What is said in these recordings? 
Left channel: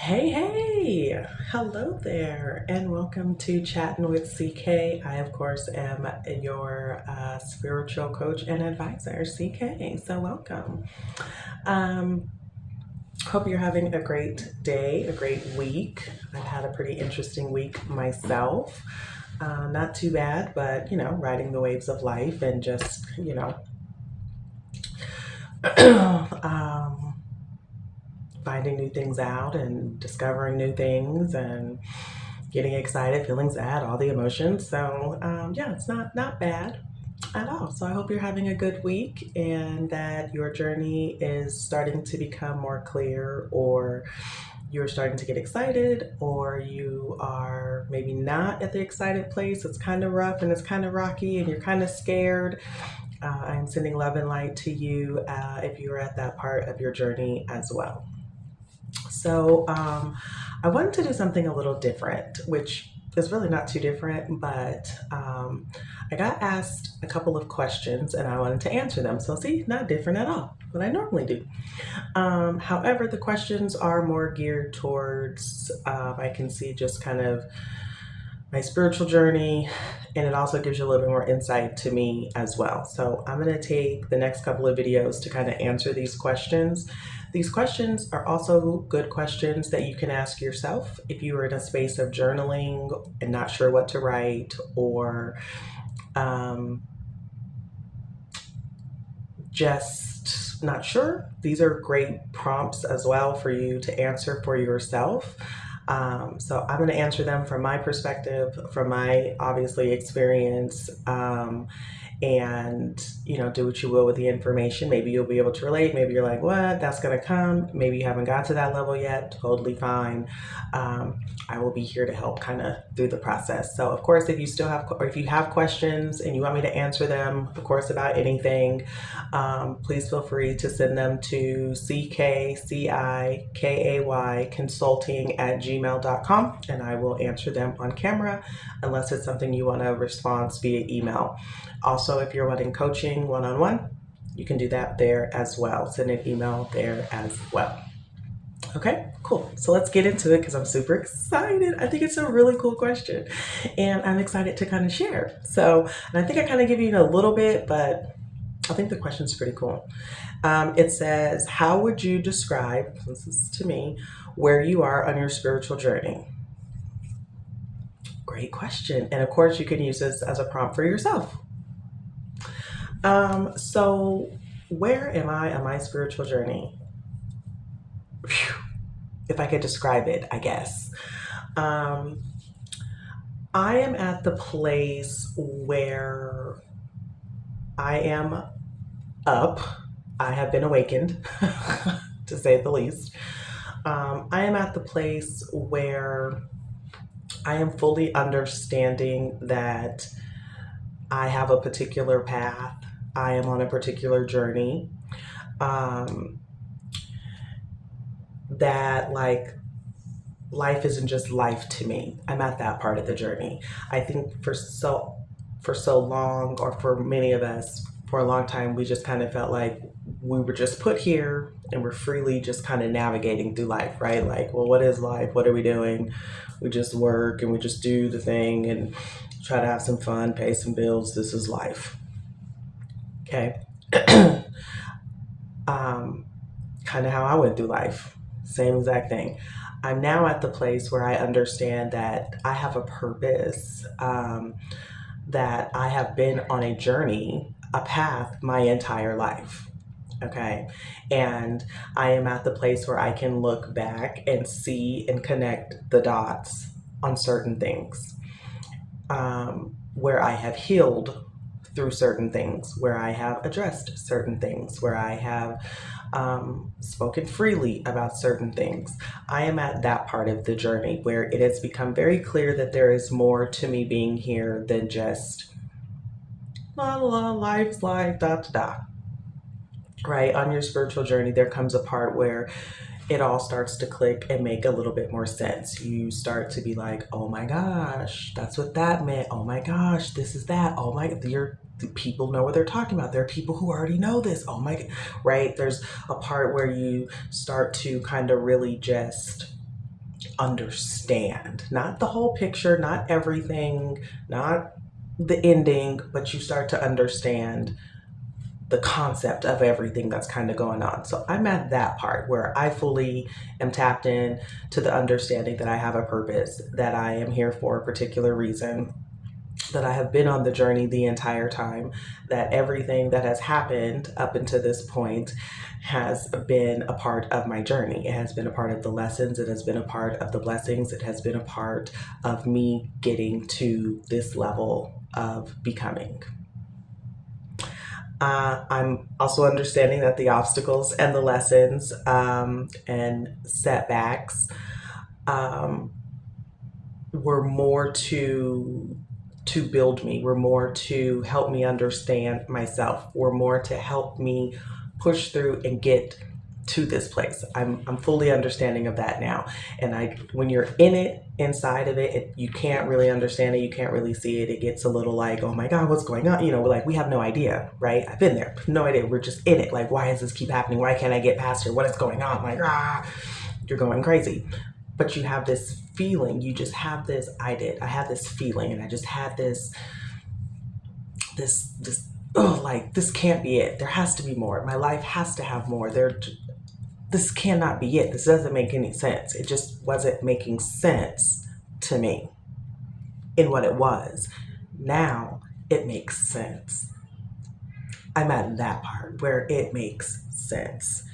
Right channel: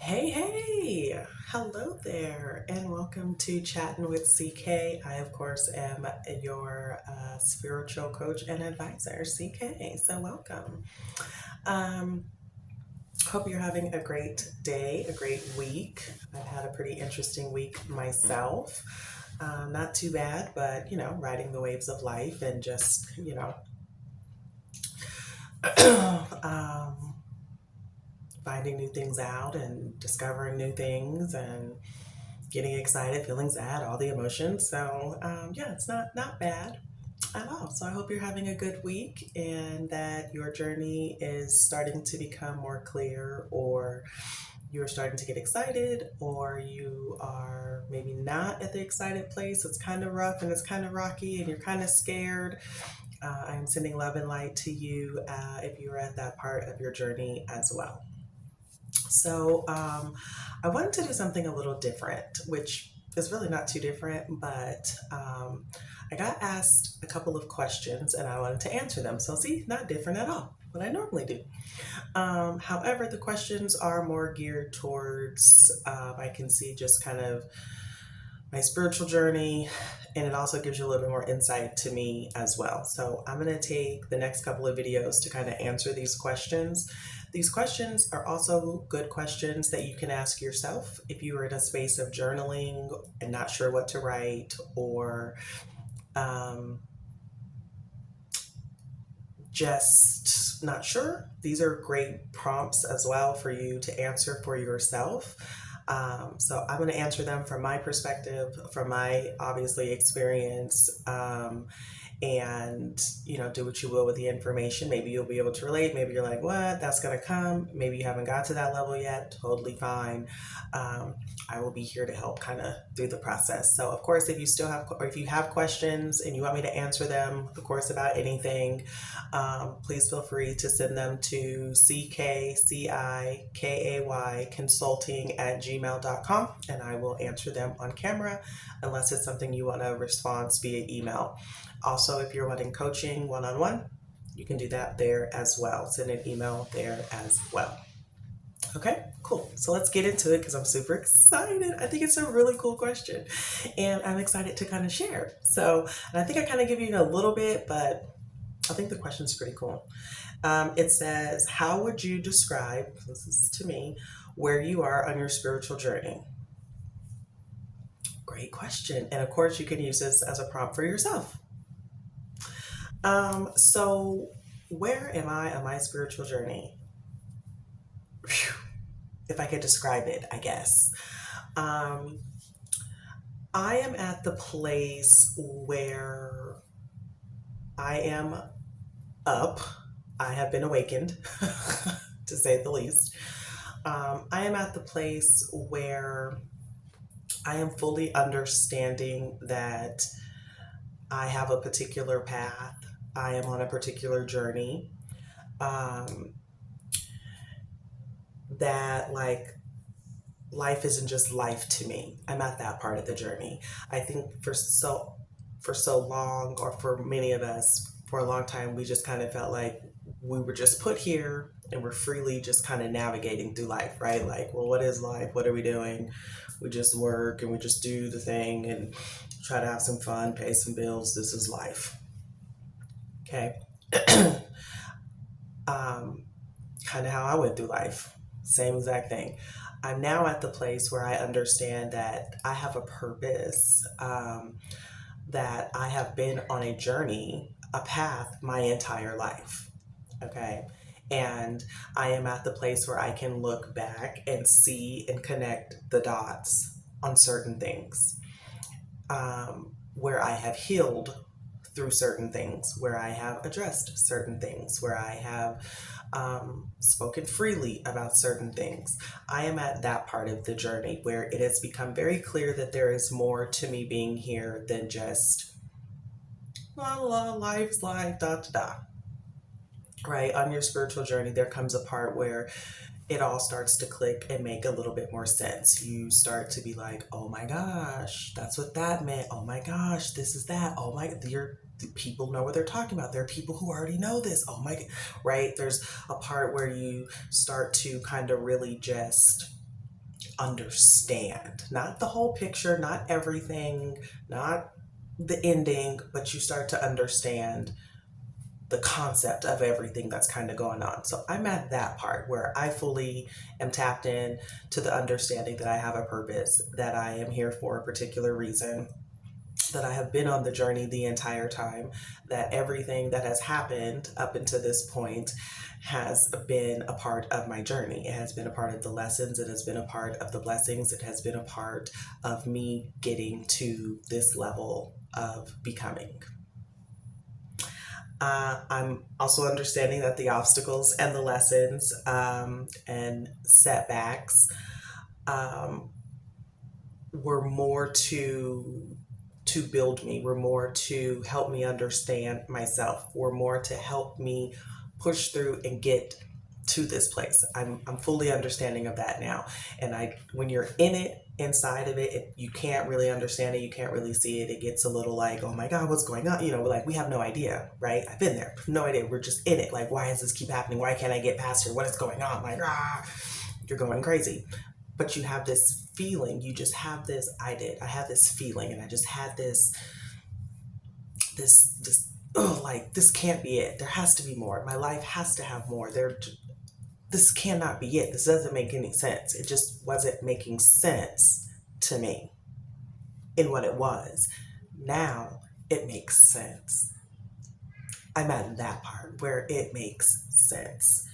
Hey, hello there, and welcome to Chatting with CK. I, of course, am your spiritual coach and advisor, CK. So, welcome. Um, Hope you're having a great day, a great week. I've had a pretty interesting week myself. Not too bad, but riding the waves of life and just, um, finding new things out and discovering new things and getting excited, feeling sad, all the emotions. So yeah, it's not bad at all. So I hope you're having a good week and that your journey is starting to become more clear, or you're starting to get excited, or you are maybe not at the excited place. It's kind of rough and it's kind of rocky and you're kind of scared. I'm sending love and light to you if you're at that part of your journey as well. So I wanted to do something a little different, which is really not too different, but I got asked a couple of questions and I wanted to answer them. So, see, not different at all, what I normally do. However, the questions are more geared towards, I can see just kind of my spiritual journey, and it also gives you a little bit more insight to me as well. So I'm going to take the next couple of videos to kind of answer these questions. These questions are also good questions that you can ask yourself if you are in a space of journaling and not sure what to write, or um, just not sure. These are great prompts as well for you to answer for yourself. So I'm going to answer them from my perspective, from my obviously experience, and do what you will with the information. Maybe you'll be able to relate. Maybe you're like, what, that's going to come. Maybe you haven't got to that level yet. Totally fine. I will be here to help kind of through the process. So of course, if you still have, or if you have questions and you want me to answer them, of course, about anything, please feel free to send them to CKCIKAY consulting at gmail.com, and I will answer them on camera unless it's something you want to respond via email. Also, if you're wanting coaching one-on-one, you can do that there as well. Send an email there as well. Okay, cool. So let's get into it because I'm super excited. I think it's a really cool question and I'm excited to kind of share. So, and I think I kind of give you a little bit, but I think the question's pretty cool. It says, how would you describe, this is to me, where you are on your spiritual journey? Great question. And of course, you can use this as a prompt for yourself. So where am I on my spiritual journey? Whew. If I could describe it, I guess. Um, I am at the place where I am up. I have been awakened, to say the least. I am at the place where I am fully understanding that I have a particular path. I am on a particular journey. Um, that like life isn't just life to me. I'm at that part of the journey. I think for so long, or for many of us, for a long time, we just kind of felt like we were just put here and we're freely just kind of navigating through life, right? Like, well, what is life? What are we doing? We just work and we just do the thing and try to have some fun, pay some bills. This is life. Okay. um, Kind of how I went through life. Same exact thing. I'm now at the place where I understand that I have a purpose, that I have been on a journey, a path my entire life. Okay. And I am at the place where I can look back and see and connect the dots on certain things, where I have healed through certain things, where I have addressed certain things, where I have spoken freely about certain things. I am at that part of the journey where it has become very clear that there is more to me being here than just la la, life's life, da da da. Right? On your spiritual journey, there comes a part where it all starts to click and make a little bit more sense. You start to be like, oh my gosh, that's what that meant. Oh my gosh, this is that. Oh my, the people know what they're talking about. There are people who already know this. Oh my, right? There's a part where you start to kind of really just understand, not the whole picture, not everything, not the ending, but you start to understand the concept of everything that's kind of going on. So I'm at that part where I fully am tapped in to the understanding that I have a purpose, that I am here for a particular reason, that I have been on the journey the entire time, that everything that has happened up until this point has been a part of my journey. It has been a part of the lessons, it has been a part of the blessings, it has been a part of me getting to this level of becoming. I'm also understanding that the obstacles and the lessons and setbacks um, were more to build me, were more to help me understand myself, were more to help me push through and get to this place. I'm fully understanding of that now. And when you're in it, inside of it, you can't really understand it. You can't really see it. It gets a little like, oh my God, what's going on? Like we have no idea, right? I've been there, no idea. We're just in it. Like, why does this keep happening? Why can't I get past here? What is going on? Like, you're going crazy. But you have this feeling. You just have this. I had this feeling, and I just had this. Oh, like this can't be it. There has to be more. My life has to have more. This cannot be it. This doesn't make any sense. It just wasn't making sense to me in what it was. Now it makes sense. I'm at that part where it makes sense.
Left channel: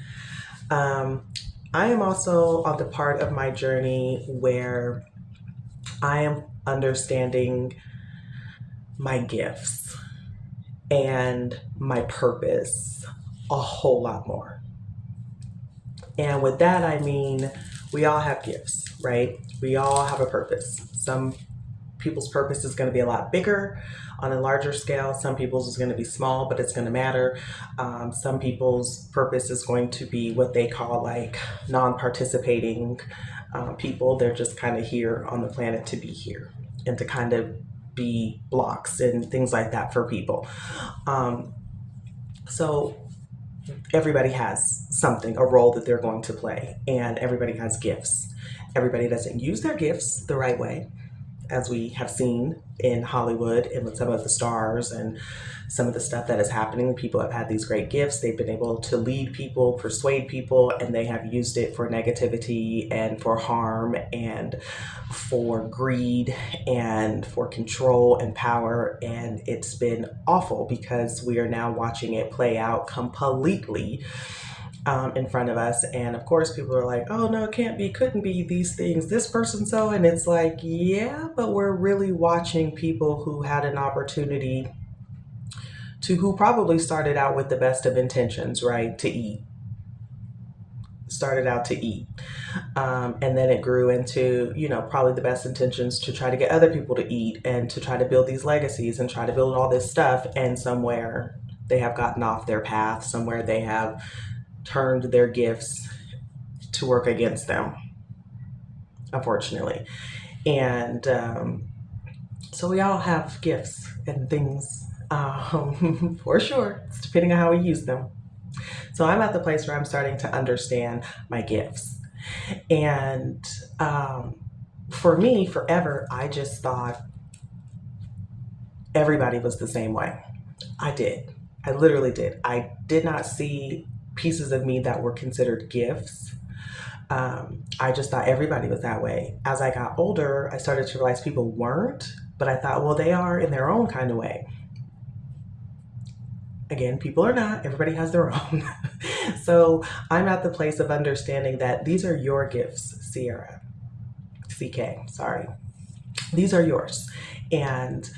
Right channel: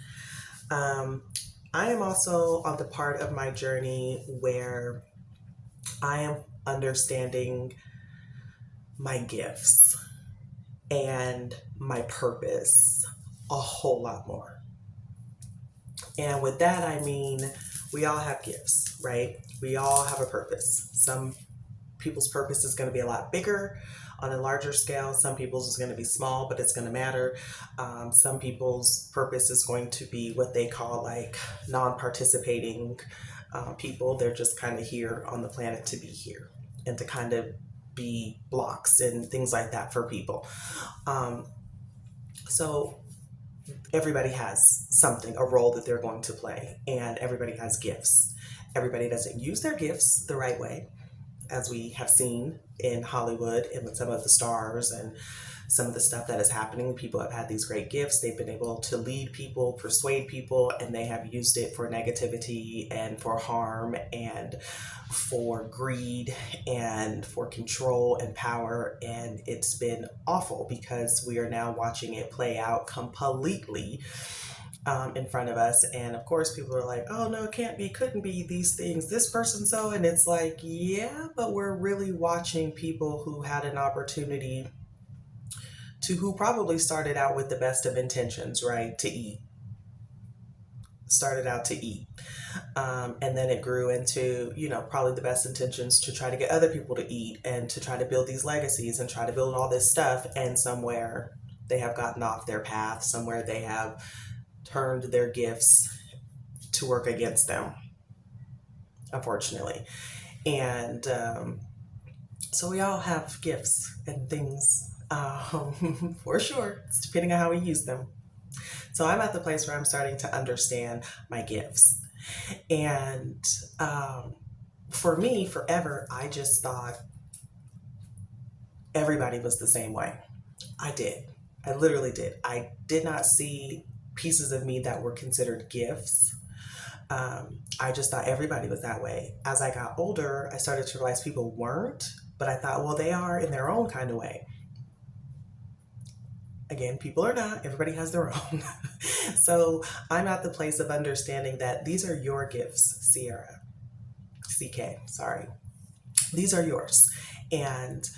I am also on the part of my journey where I am understanding my gifts and my purpose a whole lot more. And with that, I mean, we all have gifts, right? We all have a purpose. Some people's purpose is going to be a lot bigger on a larger scale. Some people's is going to be small, but it's going to matter. Some people's purpose is going to be what they call like non-participating people. They're just kind of here on the planet to be here and to kind of be blocks and things like that for people. So everybody has something, a role that they're going to play, and everybody has gifts. Everybody doesn't use their gifts the right way, as we have seen in Hollywood and with some of the stars and some of the stuff that is happening. People have had these great gifts. They've been able to lead people, persuade people, and they have used it for negativity and for harm and for greed and for control and power. And it's been awful because we are now watching it play out completely in front of us. And of course, people are like, oh, no, it can't be, couldn't be these things, this person so. And it's like, yeah, but we're really watching people who had an opportunity who probably started out with the best of intentions, right? Started out to eat. And then it grew into, probably the best intentions to try to get other people to eat and to try to build these legacies and try to build all this stuff. And somewhere they have gotten off their path. Somewhere they have turned their gifts to work against them, unfortunately. And so we all have gifts and things, for sure. It's depending on how we use them. So I'm at the place where I'm starting to understand my gifts. And for me, forever, I just thought everybody was the same way. I literally did. I did not see pieces of me that were considered gifts. I just thought everybody was that way. As I got older, I started to realize people weren't, but I thought, well, they are in their own kind of way. Again, people are not. Everybody has their own. So I'm at the place of understanding that these are your gifts, Sierra. CK, sorry. These are yours. And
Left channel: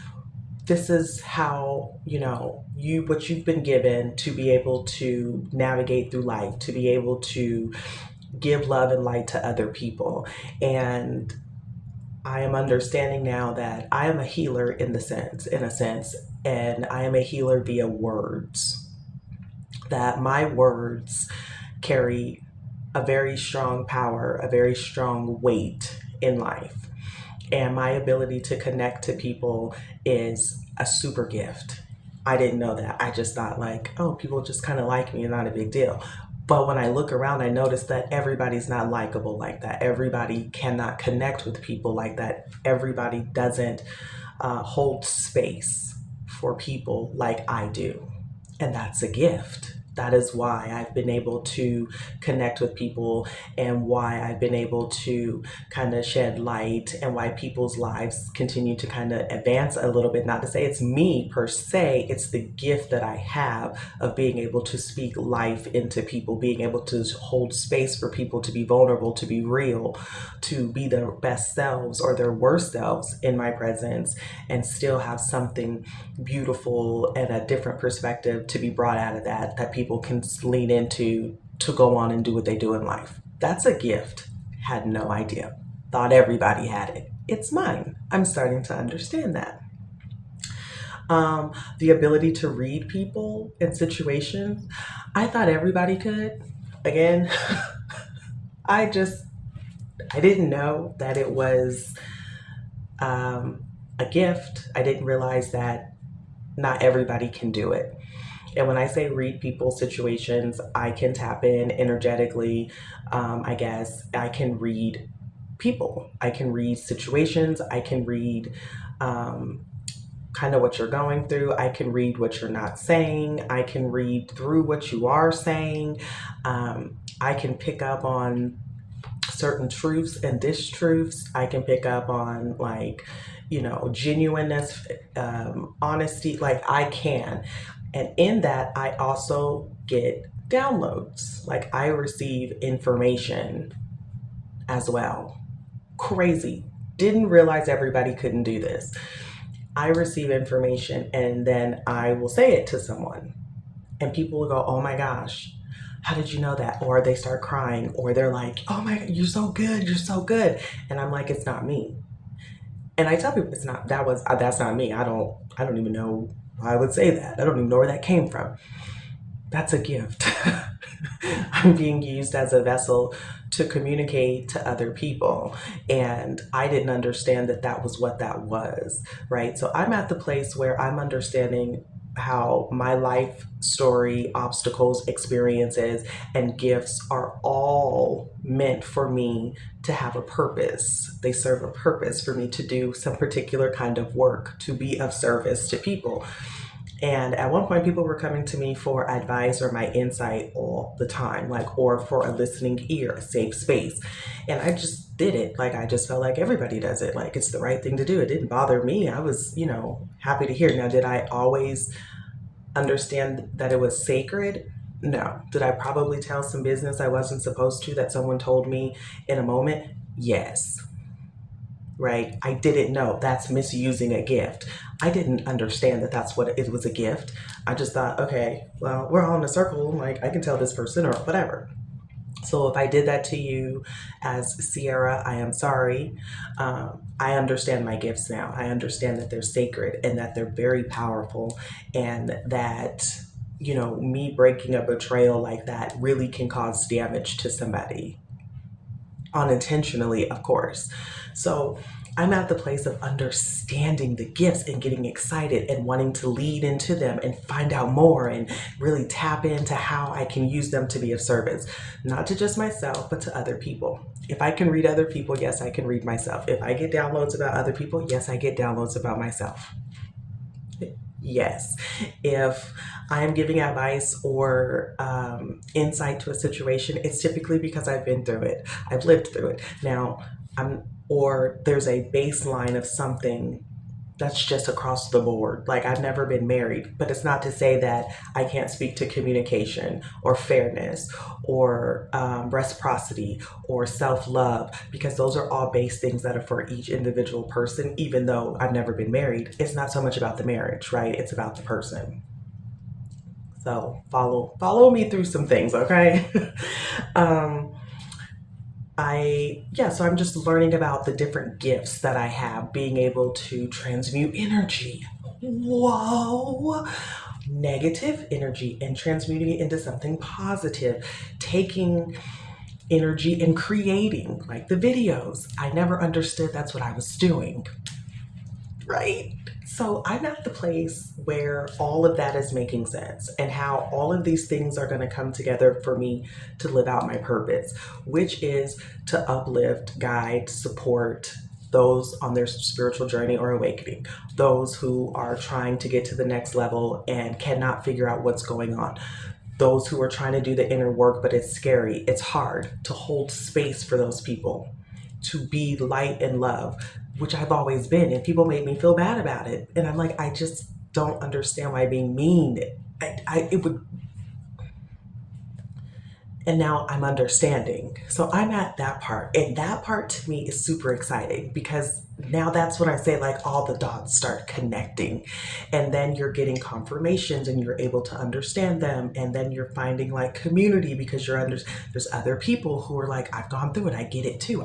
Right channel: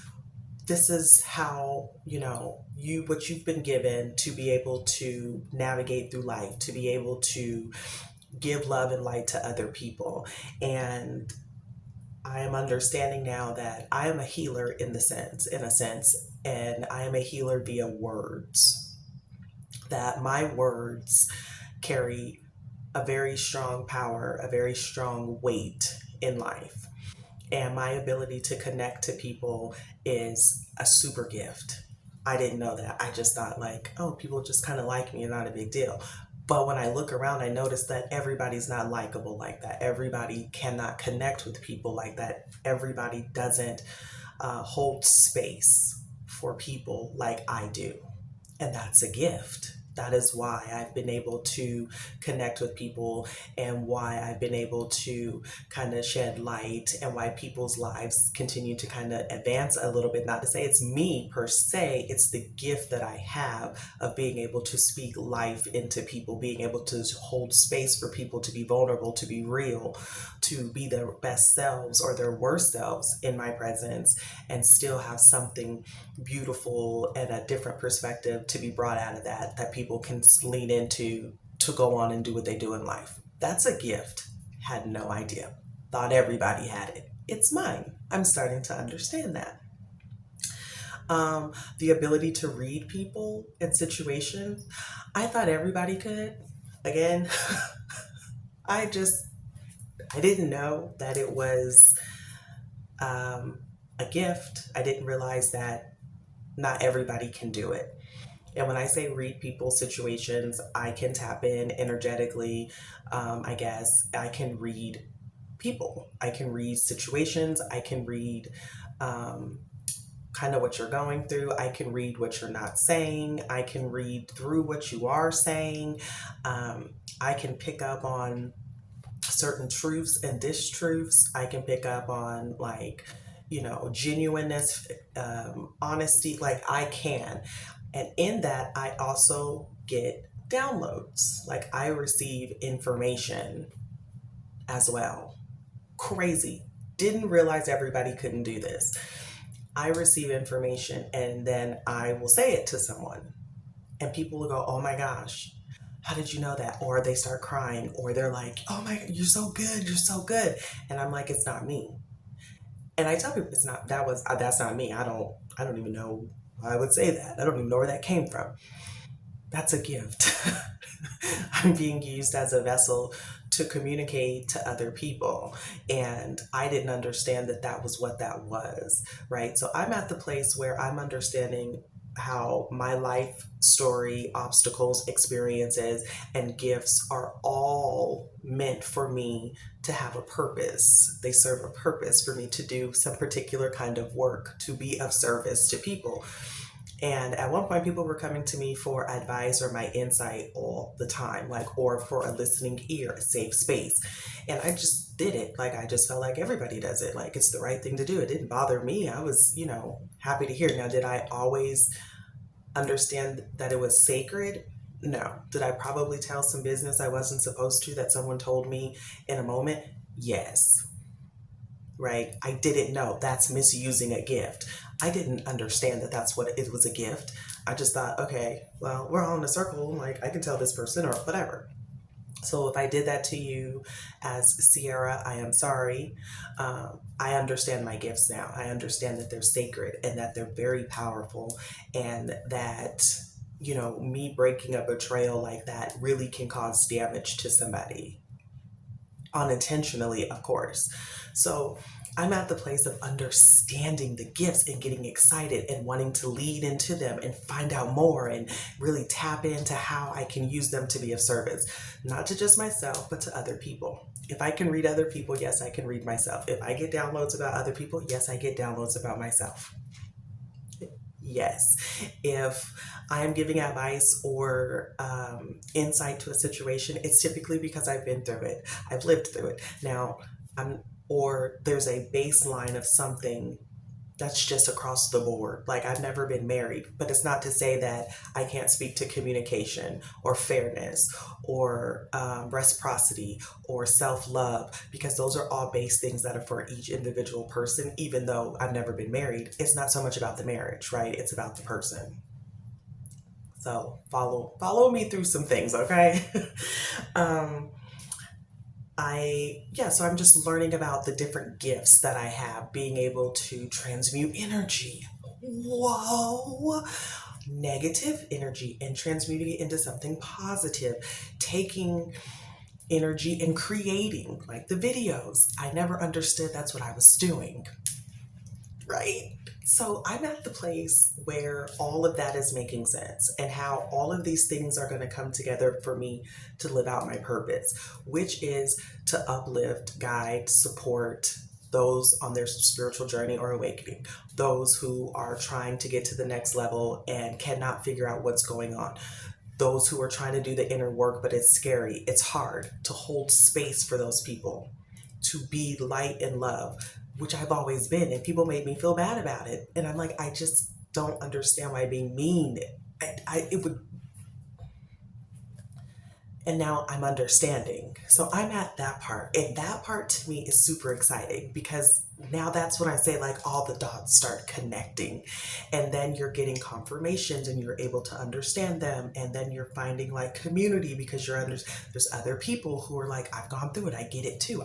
this is how, what you've been given to be able to navigate through life, to be able to give love and light to other people. And I am understanding now that I am a healer in a sense, and I am a healer via words. That my words carry a very strong power, a very strong weight in life. And my ability to connect to people is a super gift. I didn't know that. I just thought like, oh, people just kind of like me and not a big deal. But when I look around, I notice that everybody's not likable like that. Everybody cannot connect with people like that. Everybody doesn't hold space for people like I do. And that's a gift. That is why I've been able to connect with people and why I've been able to kind of shed light and why people's lives continue to kind of advance a little bit. Not to say it's me per se, it's the gift that I have of being able to speak life into people, being able to hold space for people to be vulnerable, to be real, to be their best selves or their worst selves in my presence and still have something beautiful and a different perspective to be brought out of that people can lean into to go on and do what they do in life. That's a gift. Had no idea. Thought everybody had it. It's mine. I'm starting to understand that. The ability to read people and situations, I thought everybody could. Again, I didn't know that it was a gift. I didn't realize that not everybody can do it. And when I say read people's situations, I can tap in energetically. I guess I can read people. I can read situations. I can read kind of what you're going through. I can read what you're not saying. I can read through what you are saying. I can pick up on certain truths and distruths. I can pick up on genuineness, honesty, like I can. And in that, I also get downloads. Like I receive information as well. Crazy. Didn't realize everybody couldn't do this. I receive information and then I will say it to someone. And people will go, oh my gosh, how did you know that? Or they start crying, or they're like, oh my God, you're so good, you're so good. And I'm like, it's not me. And I tell people that's not me. I don't even know why I would say that. I don't even know where that came from. That's a gift. I'm being used as a vessel to communicate to other people. And I didn't understand that was what that was, right? So I'm at the place where I'm understanding how my life story, obstacles, experiences, and gifts are all meant for me to have a purpose. They serve a purpose for me to do some particular kind of work, to be of service to people. And at one point, people were coming to me for advice or my insight all the time, or for a listening ear, a safe space. And I just did it. I just felt like everybody does it. It's the right thing to do. It didn't bother me. I was, happy to hear it. Now, did I always understand that it was sacred? No. Did I probably tell some business I wasn't supposed to that someone told me in a moment? Yes. Right? I didn't know. That's misusing a gift. I didn't understand that that's what it was, a gift. I just thought, okay, well, we're all in a circle. I can tell this person or whatever. So if I did that to you as Sierra, I am sorry. I understand my gifts now. I understand that they're sacred and that they're very powerful, and that, me breaking a betrayal like that really can cause damage to somebody. Unintentionally, of course. So I'm at the place of understanding the gifts and getting excited and wanting to lead into them and find out more and really tap into how I can use them to be of service, not to just myself, but to other people. If I can read other people, yes, I can read myself. If I get downloads about other people, yes, I get downloads about myself. Yes. If I am giving advice or insight to a situation, it's typically because I've been through it. I've lived through it. Now, or there's a baseline of something that's just across the board. I've never been married, but it's not to say that I can't speak to communication or fairness or reciprocity or self-love, because those are all base things that are for each individual person. Even though I've never been married, it's not so much about the marriage, right? It's about the person. So follow me through some things, okay? So I'm just learning about the different gifts that I have, being able to transmute energy. Whoa! Negative energy and transmuting it into something positive, taking energy and creating, like the videos. I never understood that's what I was doing, right? So I'm at the place where all of that is making sense and how all of these things are going to come together for me to live out my purpose, which is to uplift, guide, support those on their spiritual journey or awakening, those who are trying to get to the next level and cannot figure out what's going on, those who are trying to do the inner work, but it's scary. It's hard to hold space for those people, to be light and love, which I've always been. And people made me feel bad about it. And I'm like, I just don't understand why being mean. It would. And now I'm understanding. So I'm at that part. And that part to me is super exciting because now that's when I say like all the dots start connecting. And then you're getting confirmations and you're able to understand them. And then you're finding like community because there's other people who are like, I've gone through it. I get it too.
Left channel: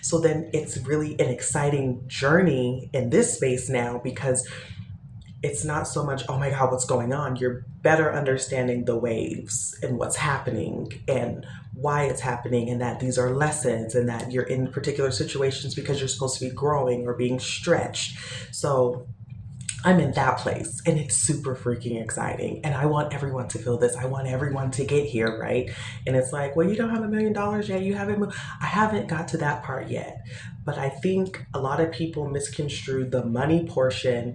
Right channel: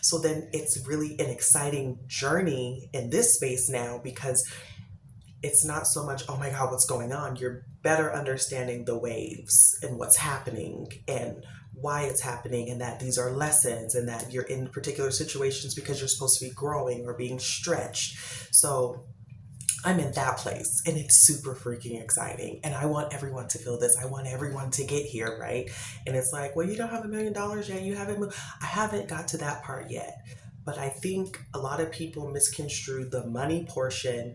So then it's really an exciting journey in this space now because it's not so much, oh my God, what's going on? You're better understanding the waves and what's happening and why it's happening, and that these are lessons and that you're in particular situations because you're supposed to be growing or being stretched. So I'm in that place and it's super freaking exciting. And I want everyone to feel this. I want everyone to get here, right? And it's like, well, you don't have $1 million yet. You haven't moved. I haven't got to that part yet. But I think a lot of people misconstrue the money portion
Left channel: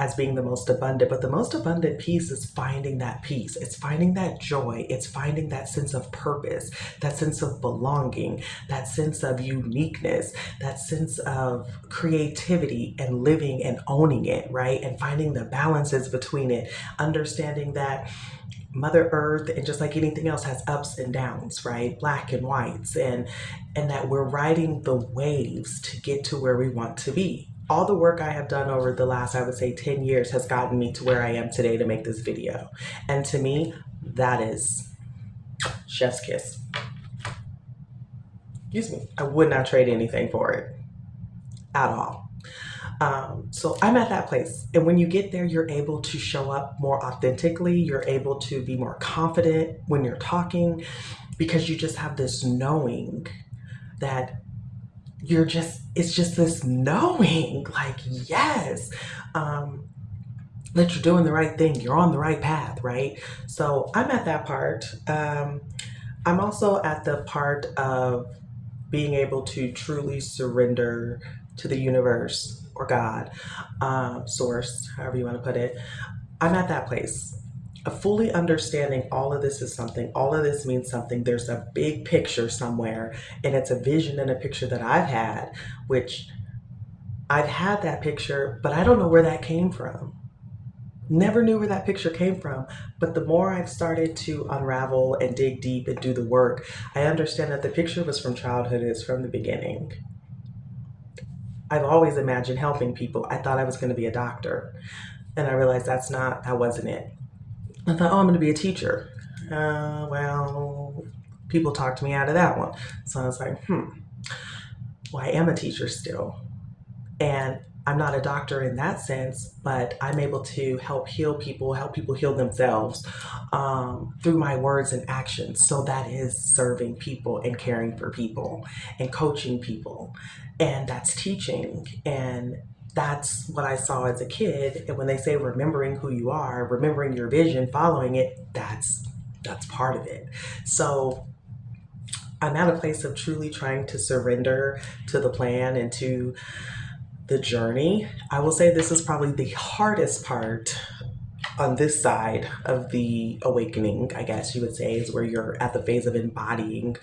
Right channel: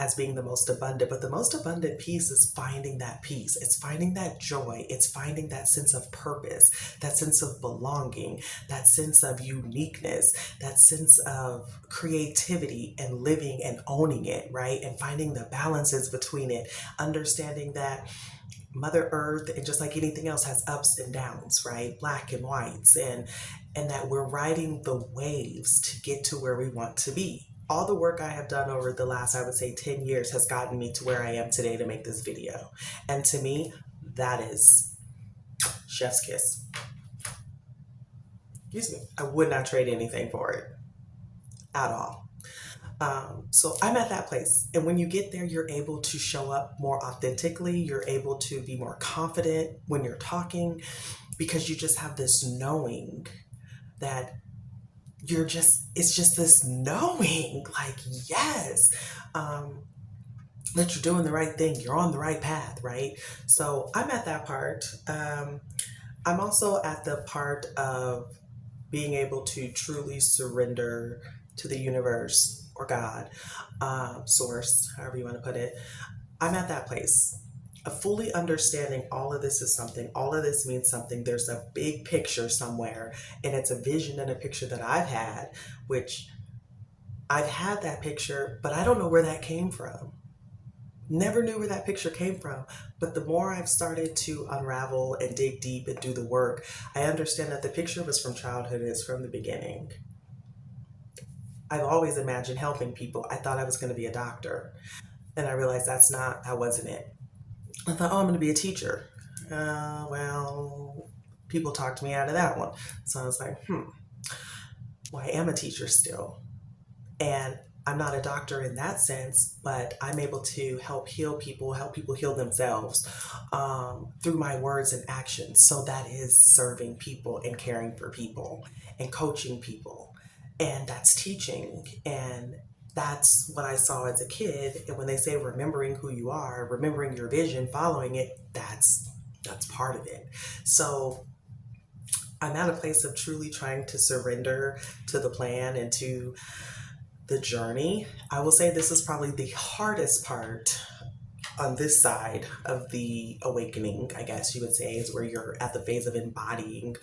as being the most abundant, but the most abundant piece is finding that peace. It's finding that joy. It's finding that sense of purpose, that sense of belonging, that sense of uniqueness, that sense of creativity and living and owning it, right? And finding the balances between it, understanding that Mother Earth, and just like anything else, has ups and downs, right? Black and whites, and that we're riding the waves to get to where we want to be. All the work I have done over the last, I would say, 10 years has gotten me to where I am today to make this video. And to me, that is chef's kiss. Excuse me. I would not trade anything for it at all. So I'm at that place. And when you get there, you're able to show up more authentically. You're able to be more confident when you're talking because you just have this knowing that it's just this knowing, like, yes, that you're doing the right thing. You're on the right path, right? So I'm at that part. I'm also at the part of being able to truly surrender to the universe or God, source, however you want to put it. I'm at that place of fully understanding all of this is something, all of this means something. There's a big picture somewhere, and it's a vision and a picture that I've had, which I've had that picture, but I don't know where that came from. Never knew where that picture came from. But the more I've started to unravel and dig deep and do the work, I understand that the picture was from childhood, it's from the beginning. I've always imagined helping people. I thought I was going to be a doctor. And I realized that wasn't it. I thought, oh, I'm going to be a teacher. Well, people talked me out of that one. So I was like, well, I am a teacher still. And I'm not a doctor in that sense, but I'm able to help people heal themselves through my words and actions. So that is serving people and caring for people and coaching people. And that's teaching. And that's what I saw as a kid. And when they say remembering who you are, remembering your vision, following it, that's part of it. So I'm at a place of truly trying to surrender to the plan and to the journey. I will say this is probably the hardest part on this side of the awakening, I guess you would say, is where you're at the phase of embodying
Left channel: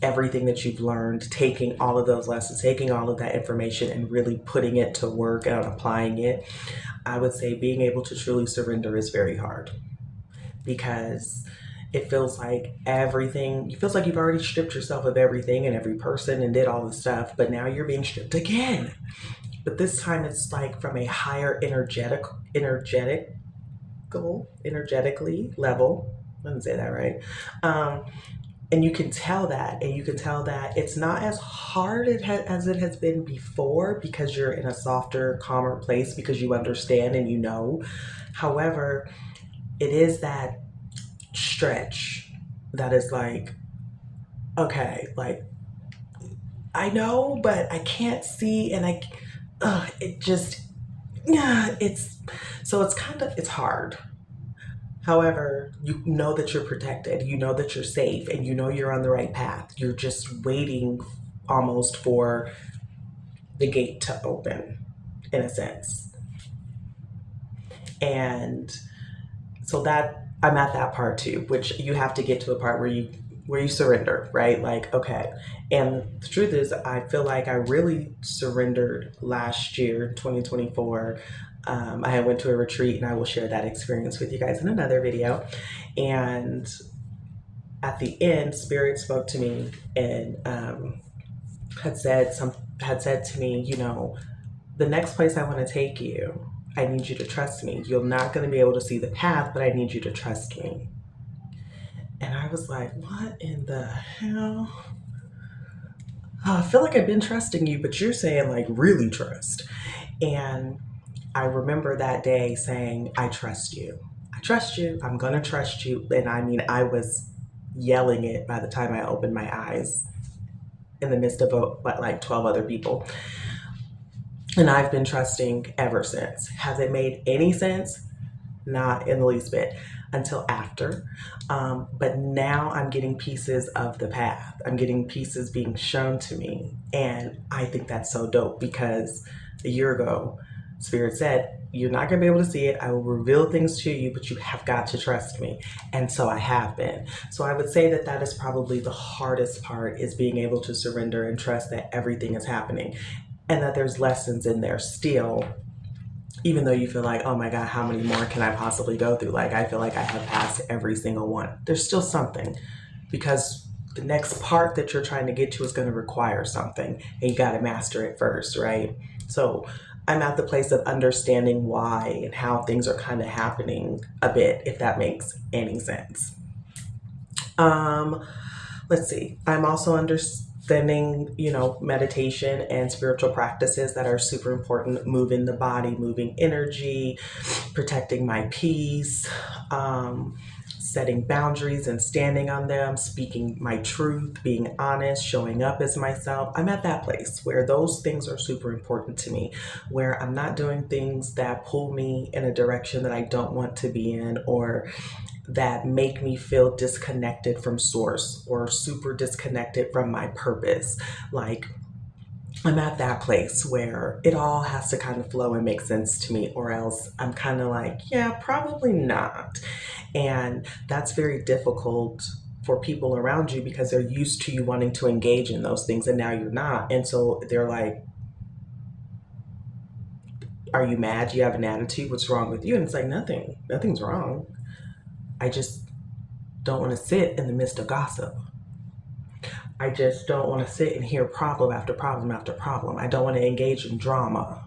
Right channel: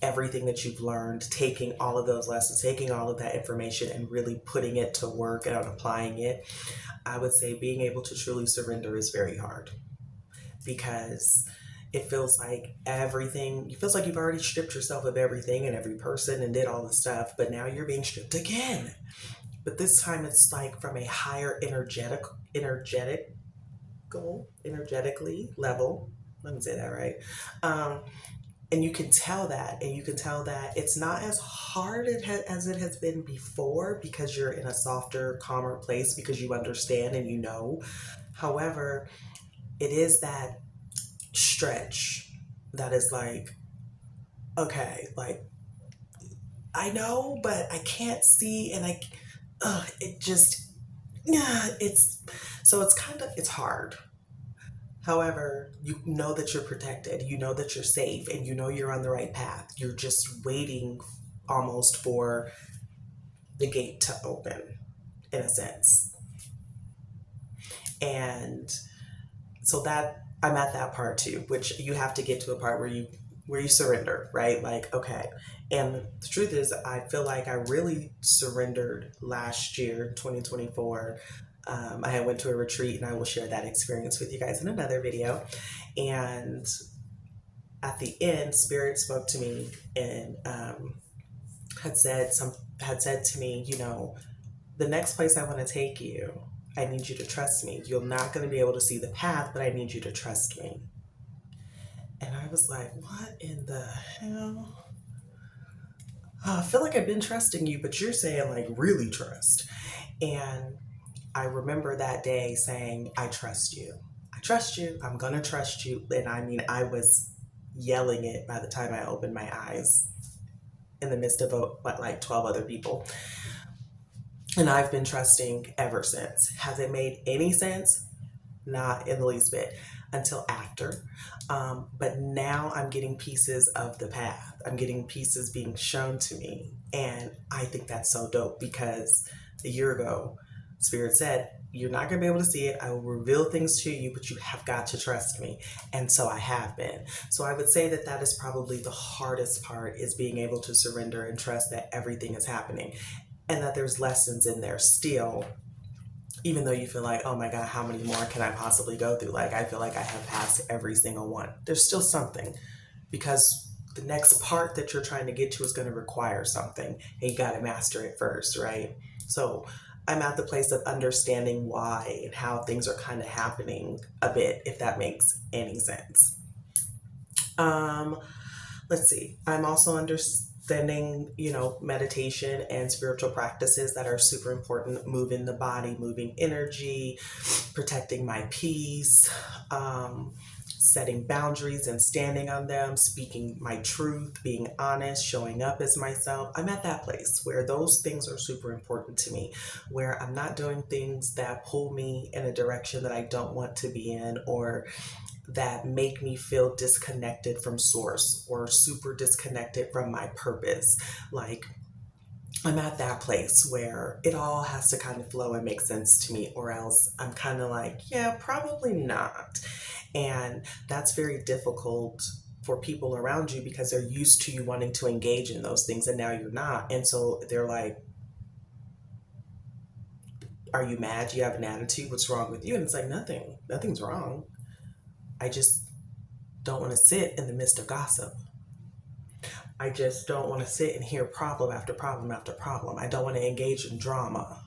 everything that you've learned, taking all of those lessons, taking all of that information and really putting it to work and applying it. I would say being able to truly surrender is very hard because it feels like you've already stripped yourself of everything and every person and did all the stuff, but now you're being stripped again. But this time it's like from a higher energetically level. Let me say that right. And you can tell that, it's not as hard as it has been before because you're in a softer, calmer place because you understand and you know. However, it is that stretch that is like, okay, like, I know, but I can't see, and yeah, it's hard. However, you know that you're protected, you know that you're safe, and you know you're on the right path. You're just waiting almost for the gate to open, in a sense. And so that I'm at that part too, which you have to get to a part where you surrender, right? Like, okay. And the truth is, I feel like I really surrendered last year, 2024. I had went to a retreat, and I will share that experience with you guys in another video. And at the end, Spirit spoke to me and had said some had said to me, you know, the next place I want to take you, I need you to trust me. You're not going to be able to see the path, but I need you to trust me. And I was like, what in the hell? Oh, I feel like I've been trusting you, but you're saying like really trust. And I remember that day saying, I trust you. I trust you. I'm going to trust you. And I mean, I was yelling it by the time I opened my eyes in the midst of like 12 other people. And I've been trusting ever since. Has it made any sense? Not in the least bit until after. But now I'm getting pieces of the path. I'm getting pieces being shown to me. And I think that's so dope because a year ago, Spirit said, you're not going to be able to see it. I will reveal things to you, but you have got to trust me. And so I have been. So I would say that that is probably the hardest part, is being able to surrender and trust that everything is happening and that there's lessons in there still, even though you feel like, oh my God, how many more can I possibly go through? Like, I feel like I have passed every single one. There's still something, because the next part that you're trying to get to is going to require something, and you got to master it first, right? So I'm at the place of understanding why and how things are kind of happening a bit, if that makes any sense. Um, let's see. I'm also understanding, you know, meditation and spiritual practices that are super important, moving the body, moving energy, protecting my peace, setting boundaries and standing on them, speaking my truth, being honest, showing up as myself. I'm at that place where those things are super important to me, where I'm not doing things that pull me in a direction that I don't want to be in, or that make me feel disconnected from source or super disconnected from my purpose. Like, I'm at that place where it all has to kind of flow and make sense to me, or else I'm kind of like, yeah, probably not. And that's very difficult for people around you because they're used to you wanting to engage in those things, and now you're not. And so they're like, are you mad? Do you have an attitude? What's wrong with you? And it's like, nothing's wrong. I just don't want to sit in the midst of gossip. I just don't want to sit and hear problem after problem after problem. I don't want to engage in drama.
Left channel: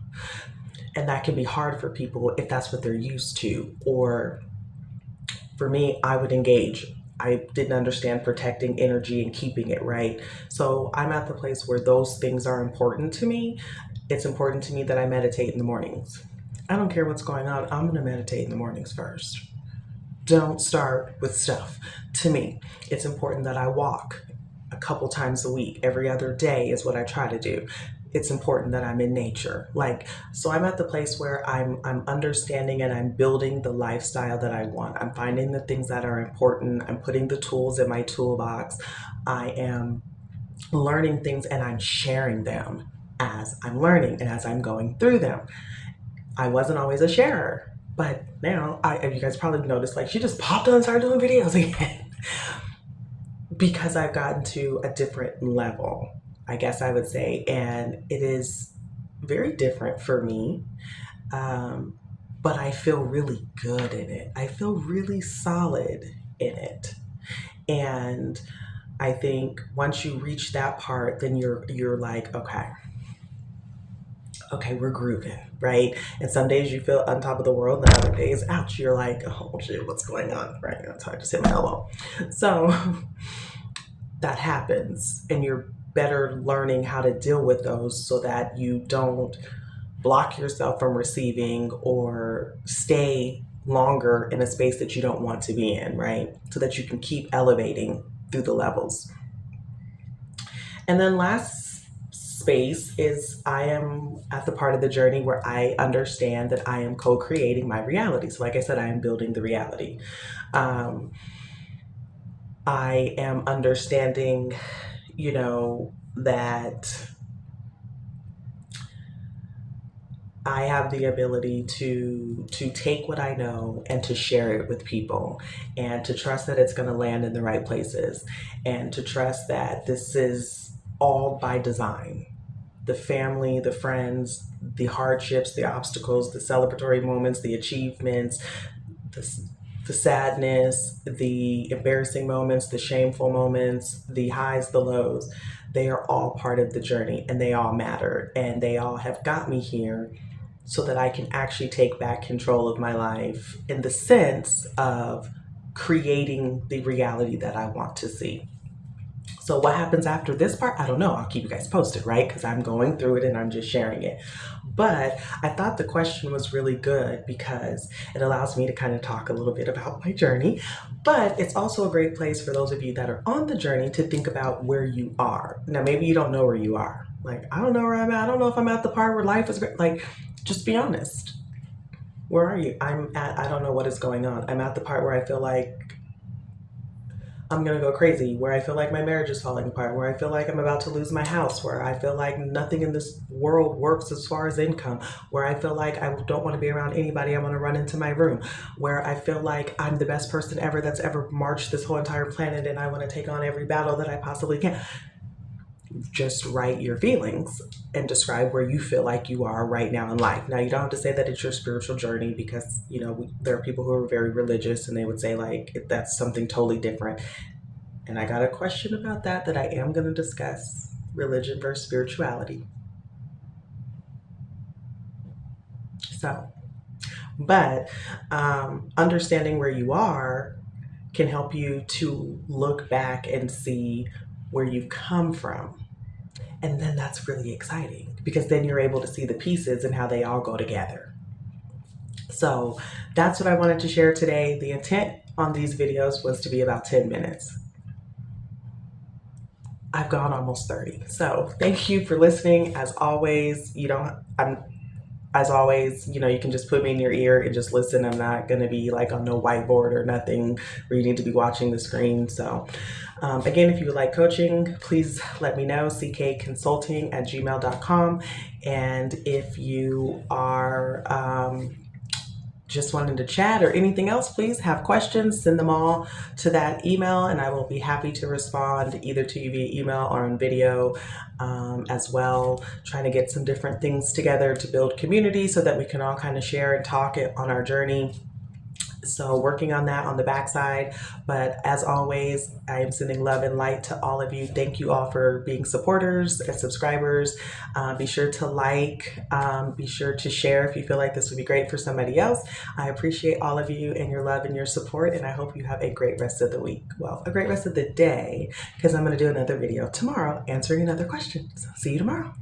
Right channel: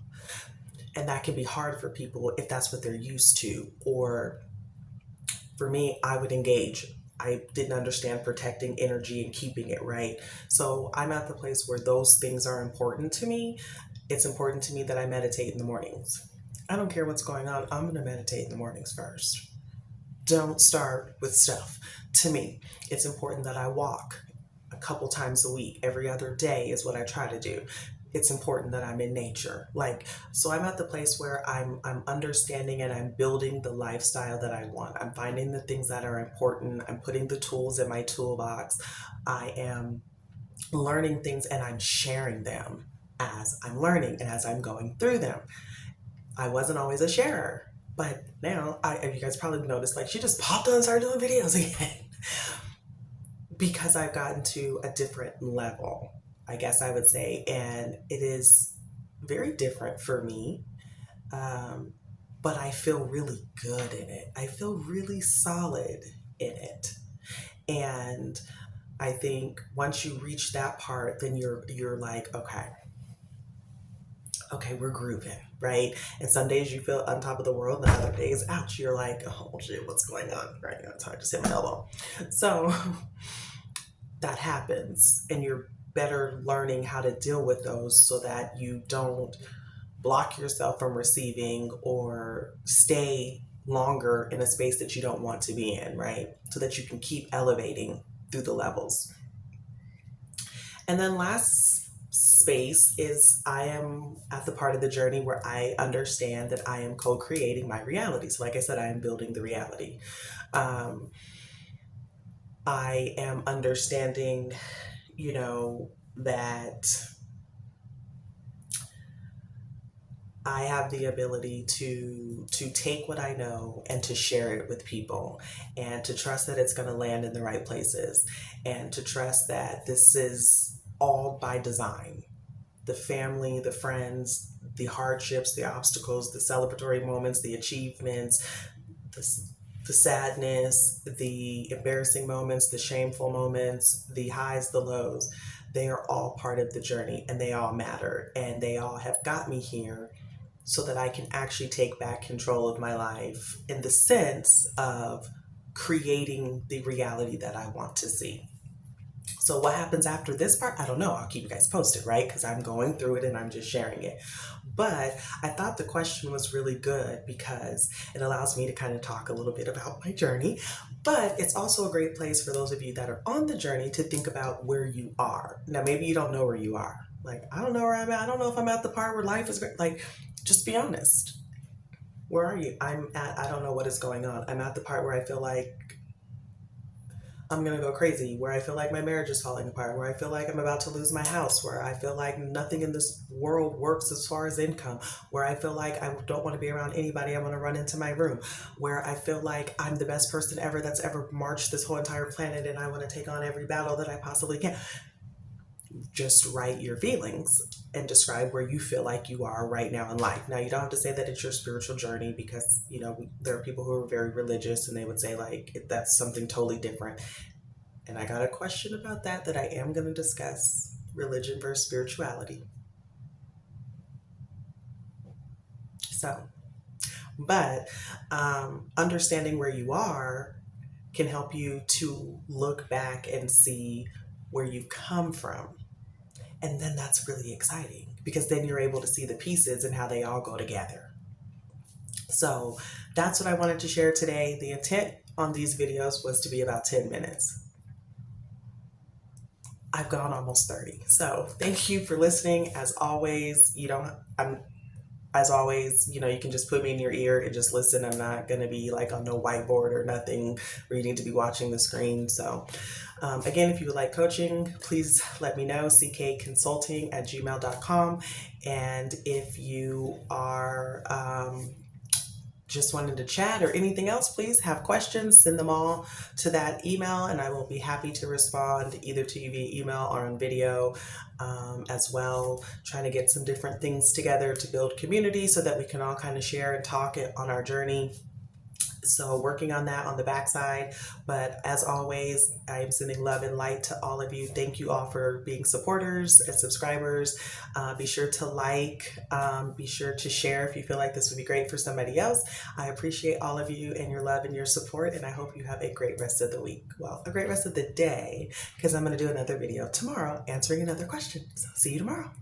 And that can be hard for people if that's what they're used to. Or for me, I would engage. I didn't understand protecting energy and keeping it right. So I'm at the place where those things are important to me. It's important to me that I meditate in the mornings. I don't care what's going on. I'm going to meditate in the mornings first. Don't start with stuff. To me, it's important that I walk a couple times a week. Every other day is what I try to do. It's important that I'm in nature. Like, so I'm at the place where I'm understanding and I'm building the lifestyle that I want. I'm finding the things that are important. I'm putting the tools in my toolbox. I am learning things and I'm sharing them as I'm learning and as I'm going through them. I wasn't always a sharer, but now you guys probably noticed, like, she just popped on and started doing videos again. Because I've gotten to a different level, I guess I would say, and it is very different for me. But I feel really good in it. I feel really solid in it. And I think once you reach that part, then you're like, okay, we're grooving, right? And some days you feel on top of the world, and other days, ouch, you're like, oh shit, what's going on, right? So I just hit my elbow. So that happens, and you're better learning how to deal with those so that you don't block yourself from receiving or stay longer in a space that you don't want to be in, right? So that you can keep elevating through the levels. And then last space is I am at the part of the journey where I understand that I am co-creating my reality. So like I said, I am building the reality. Um, I am understanding, that I have the ability to take what I know and to share it with people, and to trust that it's going to land in the right places, and to trust that this is all by design. The family, the friends, the hardships, the obstacles, the celebratory moments, the achievements, the, the sadness, the embarrassing moments, the shameful moments, the highs, the lows, they are all part of the journey, and they all matter, and they all have got me here so that I can actually take back control of my life in the sense of creating the reality that I want to see. So what happens after this part? I don't know. I'll keep you guys posted, right? Because I'm going through it and I'm just sharing it. But I thought the question was really good because it allows me to kind of talk a little bit about my journey. But it's also a great place for those of you that are on the journey to think about where you are. Now, maybe you don't know where you are. Like, I don't know where I'm at. I don't know if I'm at the part where life is great. Like, just be honest. Where are you? I don't know what is going on. I'm at the part where I feel like I'm gonna go crazy, where I feel like my marriage is falling apart, where I feel like I'm about to lose my house, where I feel like nothing in this world works as far as income, where I feel like I don't want to be around anybody, I want to run into my room, where I feel like I'm the best person ever that's ever marched this whole entire planet and I want to take on every battle that I possibly can. Just write your feelings and describe where you feel like you are right now in life. Now, you don't have to say that it's your spiritual journey because, there are people who are very religious and they would say, like, that's something totally different. And I got a question about that I am going to discuss: religion versus spirituality. So, but understanding where you are can help you to look back and see where you've come from. And then that's really exciting because then you're able to see the pieces and how they all go together. So that's what I wanted to share today. The intent on these videos was to be about 10 minutes. I've gone almost 30. So thank you for listening. As always, you can just put me in your ear and just listen. I'm not going to be like on no whiteboard or nothing where you need to be watching the screen. So again, if you would like coaching, please let me know, ckconsulting@gmail.com. And if you are just wanting to chat or anything else, please have questions, send them all to that email, and I will be happy to respond either to you via email or on video as well. Trying to get some different things together to build community so that we can all kind of share and talk it on our journey. So working on that on the backside. But as always, I am sending love and light to all of you. Thank you all for being supporters and subscribers. Be sure to like, be sure to share if you feel like this would be great for somebody else. I appreciate all of you and your love and your support, and I hope you have a great rest of the week. Well, a great rest of the day, because I'm going to do another video tomorrow answering another question. So see you tomorrow.